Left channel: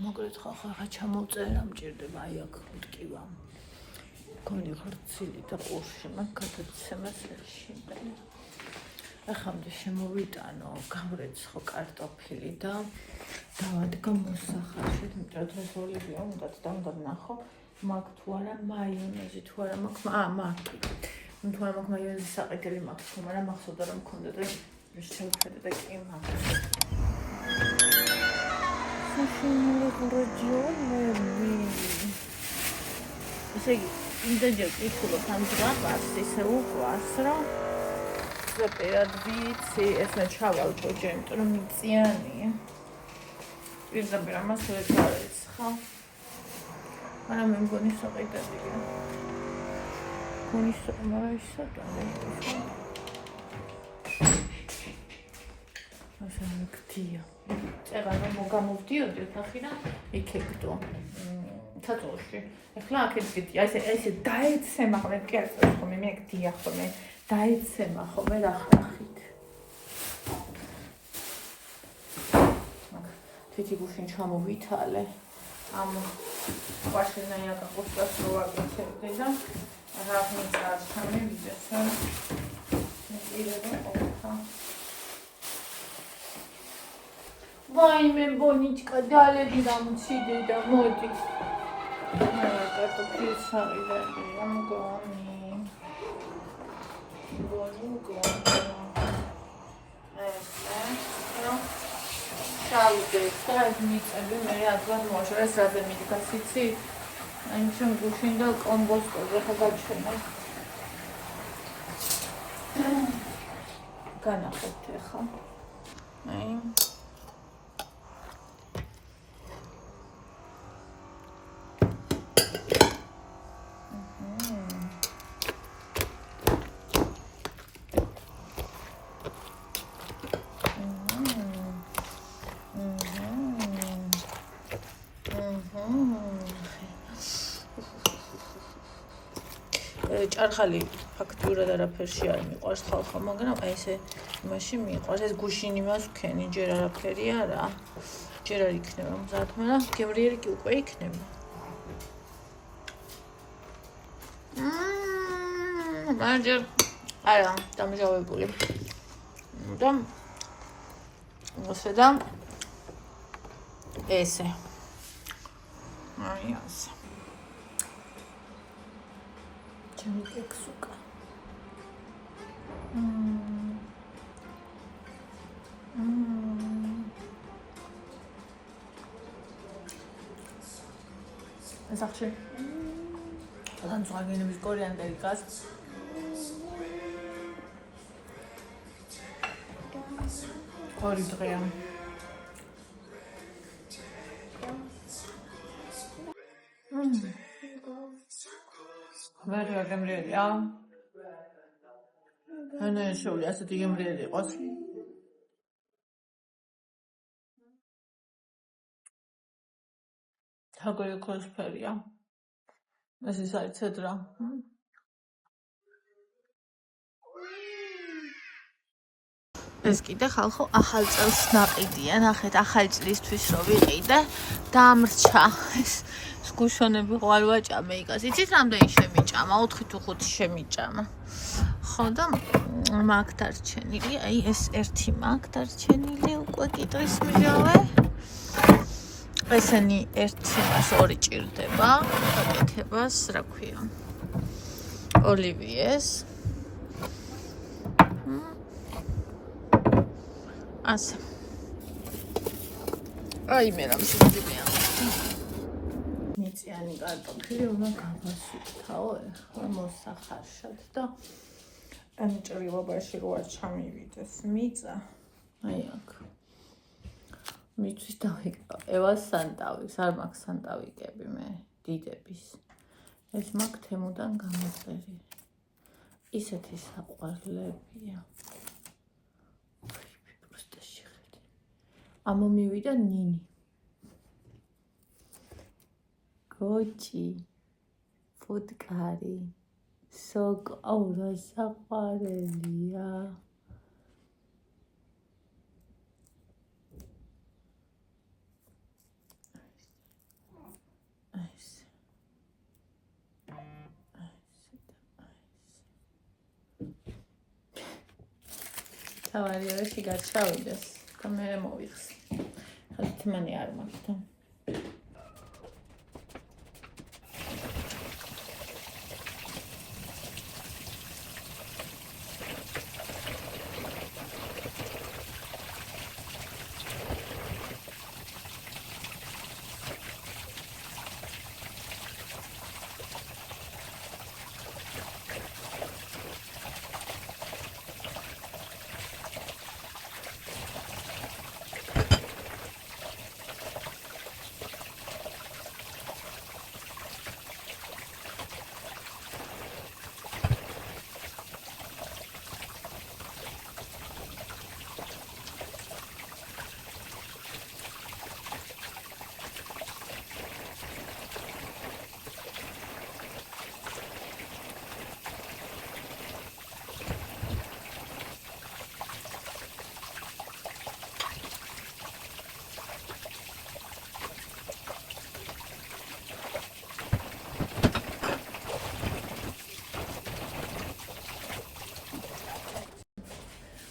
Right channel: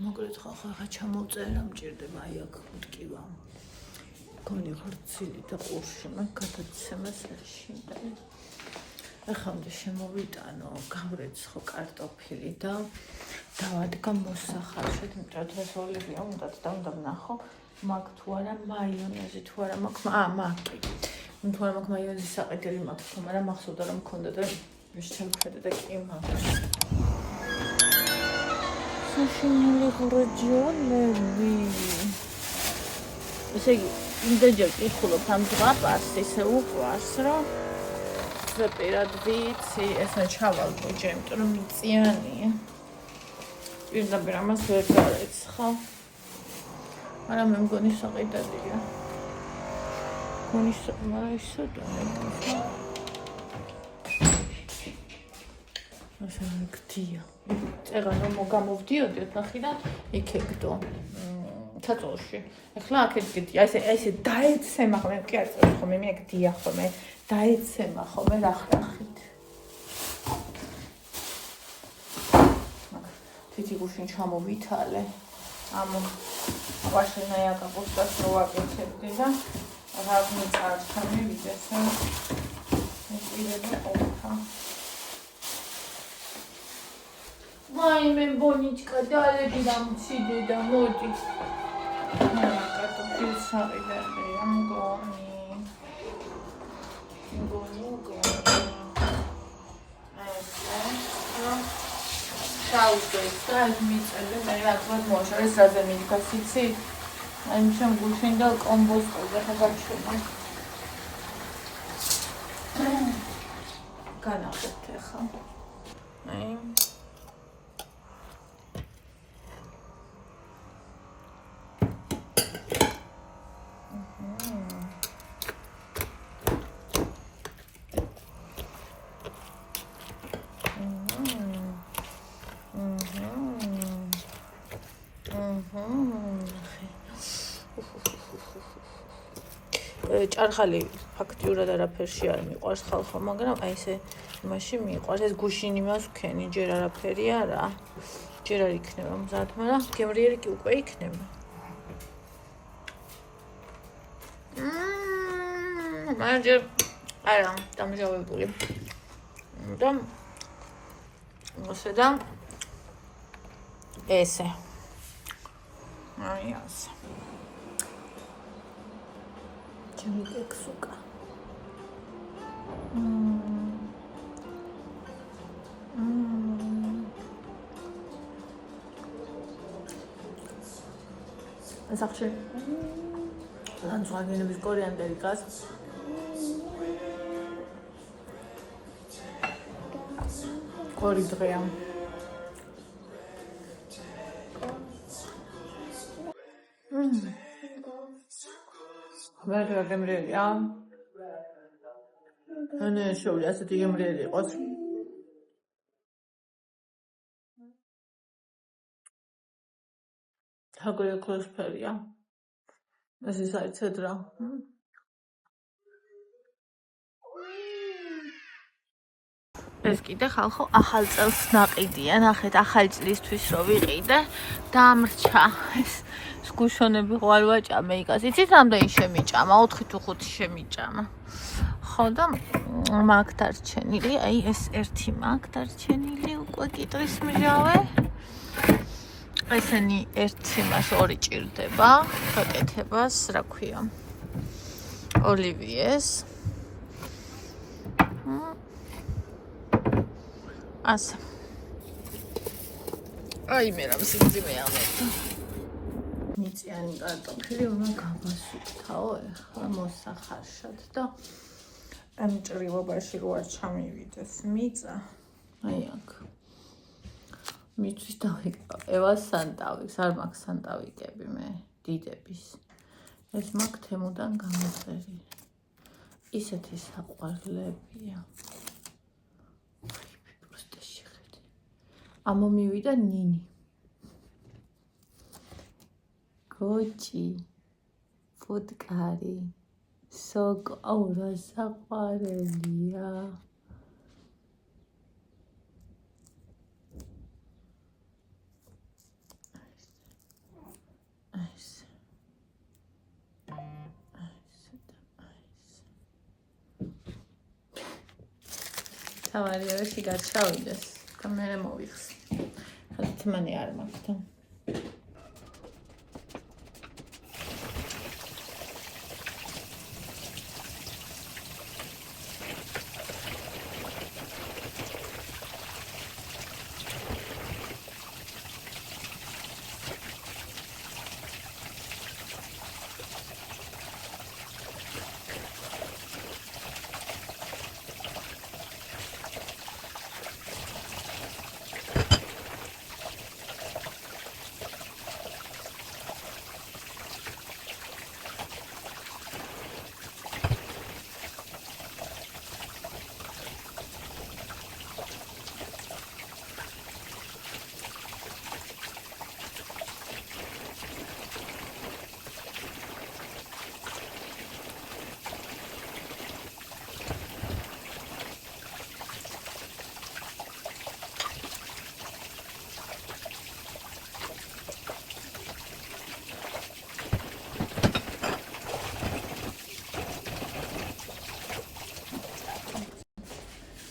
მოგრეთ ხახა ჩამოვწერა მჭირდება აი აქ მტკივა. გონი ღრცილი და ყურში მაგ გადაცემას შეიძლება. ახამდე შემოვიტანო, გამრეცხო კარტოფილი და დავადგა მოსახარშეთ, მეტად ეს ოლივია უნდათ და უნდა ვნახო, მაგ თუ არა მაიონეზი თუ არა მაგ მაკი. თუ არა მაგ მაიონეზის საყიდელი მაქვს ხო, მაგრამ მახსოვდა რომ მქონდა და შევხედე და კი მაქვს. საშინელი რეგიონები. ესე იგი, იმდენჯერ ვკითხულობ ამ ზღაპარს, ისე უყვარს, რომ პირად ვიცი, ესა ჩავალკო ჯემტ, რომ მიწიანია. პირდაპირ ამას ვერ გარეცხავ. მაგრამ მე მგონი საყიდადია. გონის, მაგრამ ის სატანე. ასე გდია. წეღან რომ გამოვდიოდი ოთახიდან, იქებდო. ცაწოლში. ახლა აქეთ დიდი, ესე დაეცემა ხოლმე, კი არ წევს ხოლმე, მე აქ დია ხოლმე. დაეცემა ხოლმე რახრახით. თითი გუშინ ჩამოვითალე. ამ ყვაშენაია კაპუსტას რო ვაკეთებდი და რა მიწართან მივიდეს. მიყიდები ყოფა. ვაიმე ბონიჩკა დალები დამციდე და მოდი. კარტოფილის საყიდადია მგონი. Šaudēs, tā es mīcēdu, jāatved mošu, es redzamīdu, kas icī. Aimšam gušin da kombosko, zahagāčana. Ganāxet texa. ჭარხალი ფაქტიურად არაფერში არ მიყვარს ხალხო, მაგრამ აი ესე იმაში მიყვარს. ეს გუშინ იმას ვქენი, ჯერ არაფერი არა. ჯერ არ იქნება მზად, მაგრამ გემრიელი კი უკვე იქნება. მაგრამ ჯერ არა, დამჟავებული. და ასე და ესე. აი ასე. ჩემი კექსუკა. ეს ახში. ძალიან ზღვაგენების კორიანდერი გას. ორი დღეა. ვერ გემრიელია. ანუ შეუძლია ასეთი გემრიელი იყოს. თაგოი ქოსფერია. ეს ის არის ცედრა. ეს კიდე ხალხო ახალ წელს ნაყიდია, ნახეთ ახალი წლისთვის რო ვიყიდე, დამრჩა. ეს გუშონები ყვალ ვაჭამე იკას. იცით რამდენი შემიჭამა? 4 თუ 5 შემიჭამა. ხო და მაგ დარჩენილი, აი ეს ერთი მაგ დარჩენილი, უკვე კიტრის მჟავე. ესენი ერთი მას ორი ჭირდება, გაკეთებას, რა ქვია? ოლივიეს. ასე. აი მე რამ სიმძიმე ამოდი. მიწიანი კარტოფილი უნდა გავასუფთავო ახლა მოსახარშად და ამ ჭრილობაში რო არ ჩამივიდეს მიწა. აი აქ. მიწვის დავიკავე. ევას სანტავიკს, არ მაქვს სანტავიკები მე, დიდების. ეს მაქვს თემუდან გამოწერილი. ისეთი საყვარლებია. ამომივიდა ნინი. გოჭი. ფუტკარი. სოკო, აუ რა საყვარელია. თავარია რა შიგად ჩავიდეს და მე მოვიხსნი. ხალხი თმანი არ მაქვს და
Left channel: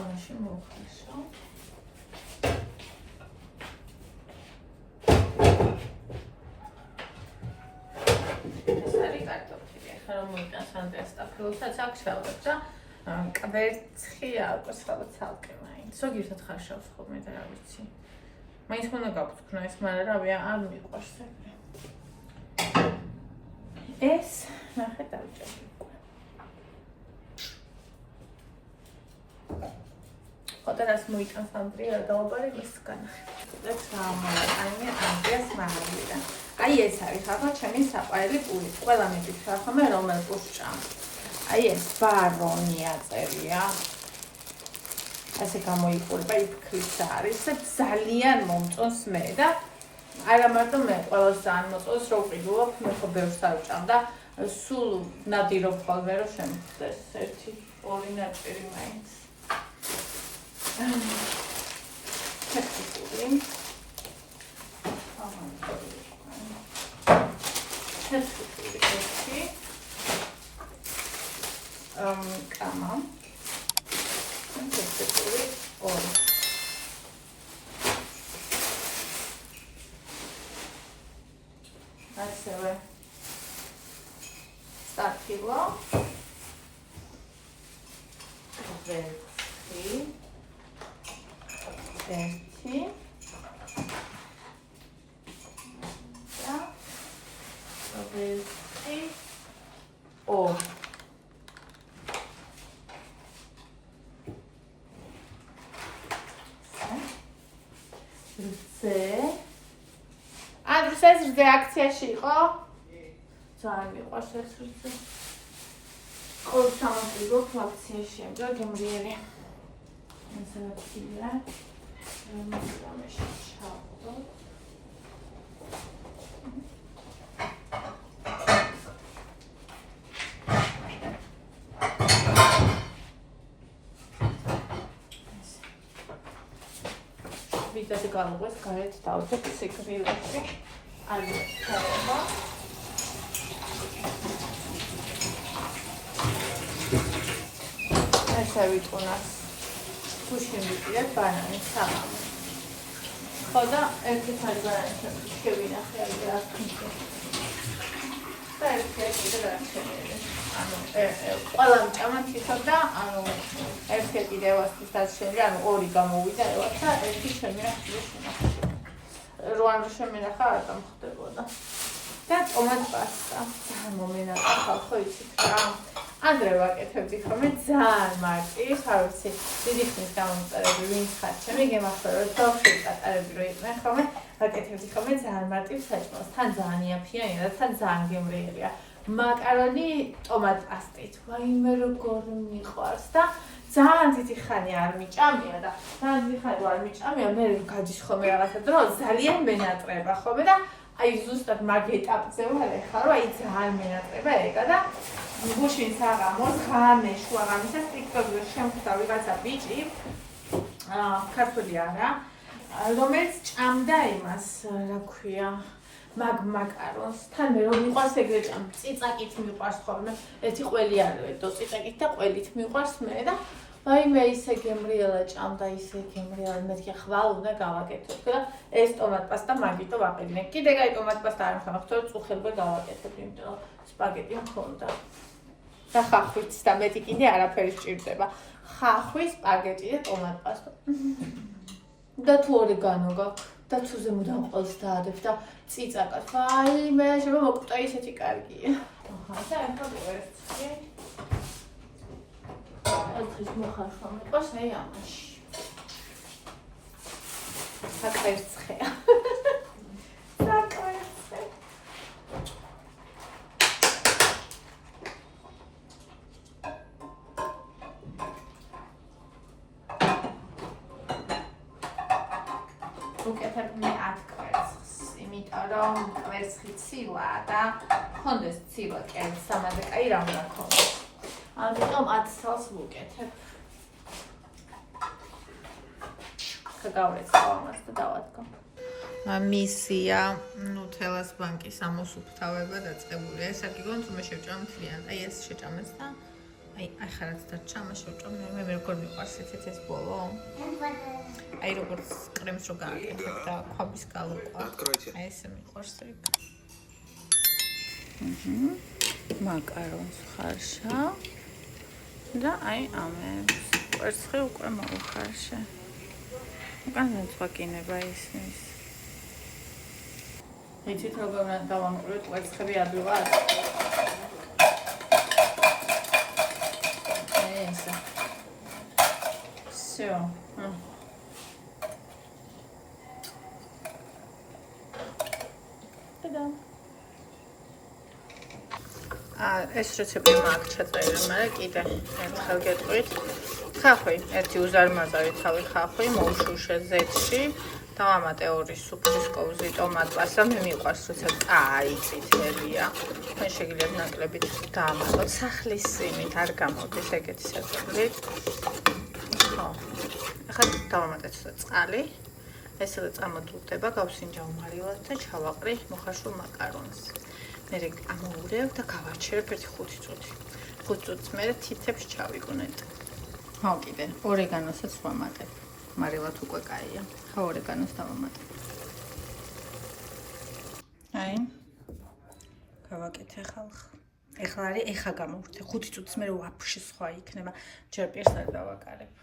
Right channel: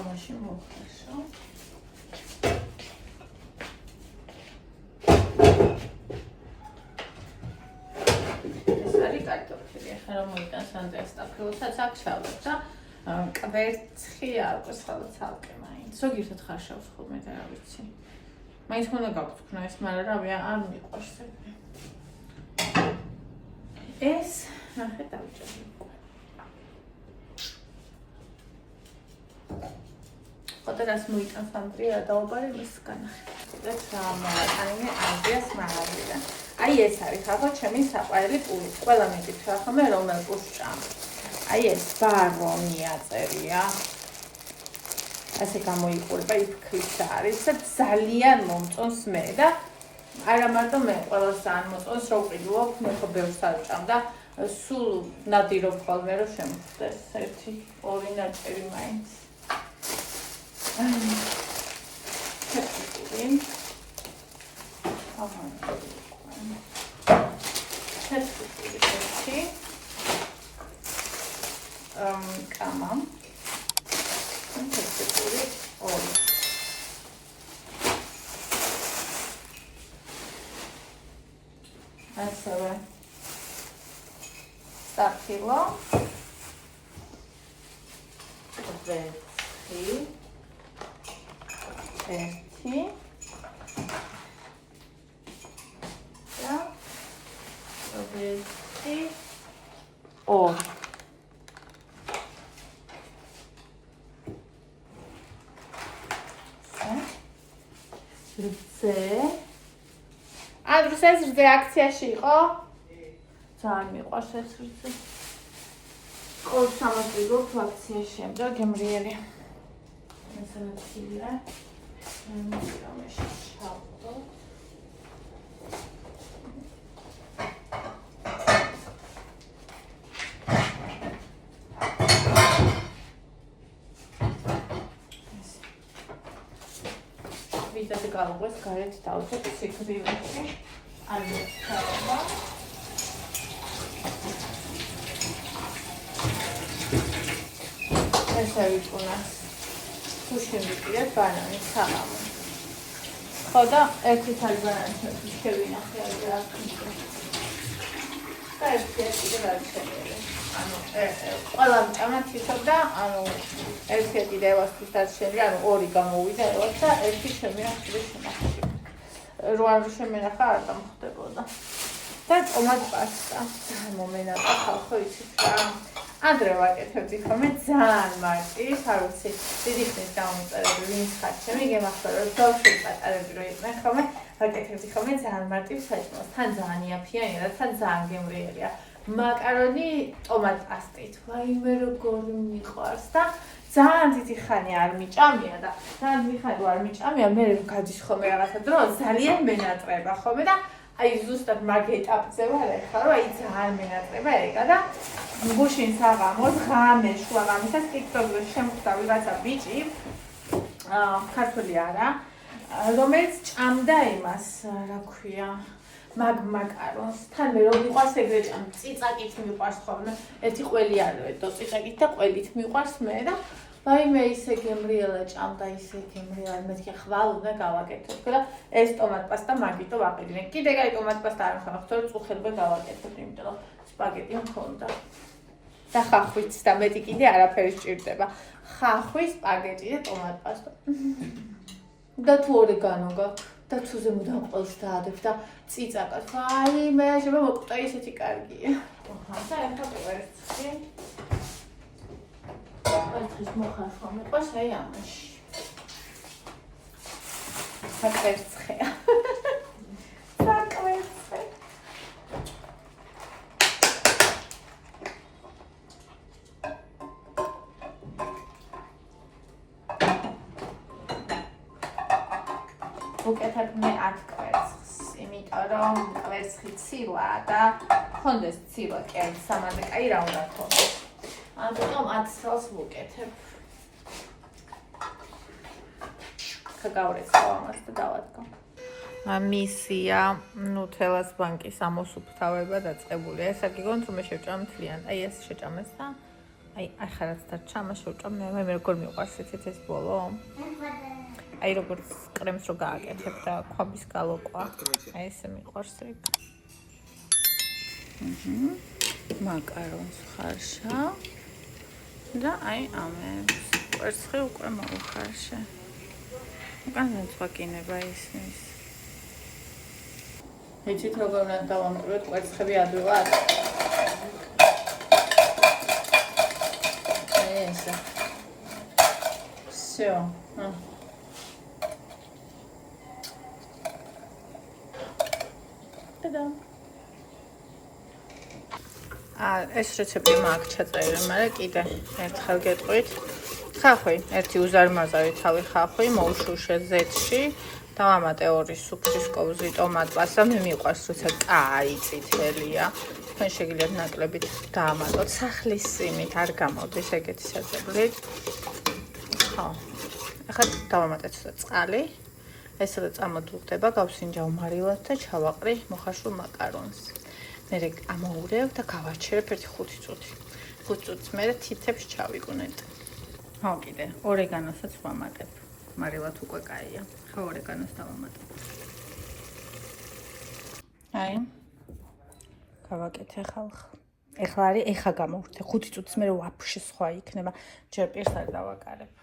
ამაში მოვხარშო. ეს არის კარტოფილი. ახლა რომ მოიტანს ანდრეას ტაფლოსაც აქ ჩავდებ და კვერცხი აქვს ხოლმე ცალკე მაინც. ზოგიერთად ხარშავს ხოლმე და რა ვიცი. მაინც უნდა გავთქნა ეს, მაგრამ რავი არ მიყვარს ეგრე. ეს ნახე დავჭერი. Otras muy tan fandría, დაუბარი მისგან. ეს ამოვატანე ანდრეას მაღაზიიდან. აი ეს არის ხახო ჩემი საყვარელი პური. ყველა მეკითხა ხოლმე რომელ პურს ჭამ. აი ეს ბარონია წერია. ასე გამოიყურება, იფქლის არის და ძალიან მომწონს მე და არა მარტო მე, ყველას ძალიან მომწონს, რომ ვყიდულობ, მე ხო ბევრს არ ვჭამ და სულ ნადირობ ხოლმე რომ შემოხდეს ერთი ორი ნაწილი მაინც. Çetkili. Çetkili. Tamam. Çetkili ol. Asla. Startilo. Evet. ერთი და ერთი ორი ანდრუს ეს რძე აქციაში იყო? ძალიან მიყვარს ეს რძე. ყოველ სამას ვიგობ აქციაში ამდა გემრიელი. ესაა ვიდრე გაუღვეს გარეთ დავწერ სიკვდილებში ესე ვიტუნას გუშინ ვიყიდეთ ბანანის საღამო. ხო და ერთი თალი ბანანის შევინახე რა ქნით. და ერთი კიდევ არ შემიძლია. ანუ ყველა მჭამა თვითონ და ანუ ერთი კიდევასთვის დაშენილი, ანუ ორი გამოვიდა ელაც და ერთი შემინახე შენახული. როან შემინახა არ დამხდებოდა. და ტომატ პასტა. მომენათა ხალხო იცით რა. ანდრე ვაკეთებდი ხოლმე ძალიან მარტივ, არ ვიცი, დიდი ხნის გამომწერები ვინც ხარ, ჩემი გემახსოვრა, რომ ბავშვი პატარები რო იყვნენ ხოლმე, ვაკეთებდი ხოლმე ძალიან მარტივ საჭმელს, თან ძალიან იაფიანია და თან ძალიან გემრიელია. მაკარონი ტომატ პასტით, ვაიმე როგორი მიყვარს და ძალიან დიდი ხანი არ მიჭამია და ძალიან დიდი ხანი არ მიჭამია, მე გადის ხოლმე რაღაცა დრო, ძალიან მენატრება ხოლმე და აი ზუსტად მაგ ეტაპზე ვარ ახლა, რომ აი ძალიან მენატრება ეგა და გუშინ საღამოს ღამე შუაღამისას TikTok-ზე შემხვდა ვიღაცა ბიჭი, ქართული არა, რომელიც ჭამდა იმას, რა ქვია, მაკარონს. თან მე რომ მიყვარს ეგრე ჭამ, წიწაკით მიყვარს ხოლმე. ერთი ყველი არ ვედო, წიწაკით და ყველით მიყვარს მე და ვაიმე ისე გემრიელა ჭამდა, ისე გემრიელა, მეთქი ხვალ უნდა გავაკეთებ. და ეს ტომატ პასტა მაგიტო ვაყიდინე. კიდე კაი ტომატ პასტა არ მქონდა, თორე წუხელბე გავაკეთებ, იმიტომ რომ სპაგეტი მქონდა. და ხახვიც და მეტი კიდე არაფერი სჭირდება. ხახვი, სპაგეტი და ტომატ პასტა. და თუ ორეგანო გაქვს და თუ ზემოდან ყველს დაადებ და წიწაკას. ვაიმე, შეიძლება მოკვდა ისეთი კარგია. აჰა, და ახლა ვერცხლი. Altris მოხარშვა მეყვარს აი ამაში. საკვერცხეა. საკვერცხე. უკეთებ მე 10 კვერცხს, იმიტომ რომ კვერცხი ცილა და ხონდეს ცილა კი აი სამაზე კაი რა უნდა ქონდეს. ამიტომ 10 წელს ვუკეთებ. გავვრეცხავ ამას და დავადგო. მისია ნუთელას ბანკის ამოსუფთავება დაწყებულია. ეს აგიგონთ რომ შეჭამ მთლიან. აი ეს შეჭამეს და აი ახალაც დარჩა, ამას შევჭამ. მე როგორ მიყვარს ეს ბოლო? აი როგორც კრემს რო გააკეთებ და ქვაბის გალოკვა. აი ესე მიყვარს ეგ. მაკარონს ხარშა. და აი ამებს კვერცხი უკვე მოვხარშე. უკანზე წვაკინება ისმის. იცით როგორ უნდა დავამკვირვოთ კვერცხები ადვილად? ესე. всё. Та-дам. ეს რეცეპტი მაქვს ჩაწერილი, მაგრამ კიდე ერთხელ გეტყვით. ხახვი, ერთი უზარმაზარი თავი ხახვი, მოუშუშე ზეთში, დავამატე 2 სუფრის კოვზი ტომატ პასტა, მე მიყვარს, როცა კაი წითელია. თქვენ შეგიძლიათ ნაკლებით დაამატოთ სახლის სიმით, არ გამოდის ეგეთი საჭმელი. ხო. ახლა დავამატე ცოტა წყალი. ეს რა წამოდულდება, გავსინჯავ მარილას და ჩავაყრი მოხარშულ მაკარონს. მე ამოურევ და გავაჩერებ 1-5 წუთი. 5 წუთს მერე თითებს ჩავიგუნეთ. ხო, კიდე ორეგანოსაც ვამატებ. მარილად უკვე კაია. ხო, ორეგანოს დავამატებ. აი. გავაკეთე ხალხ. ეხლა გამოვხდე 5 წუთს მერე ვაფშე სხვა იქნება. ჯერ პირს არ დავაკარებ.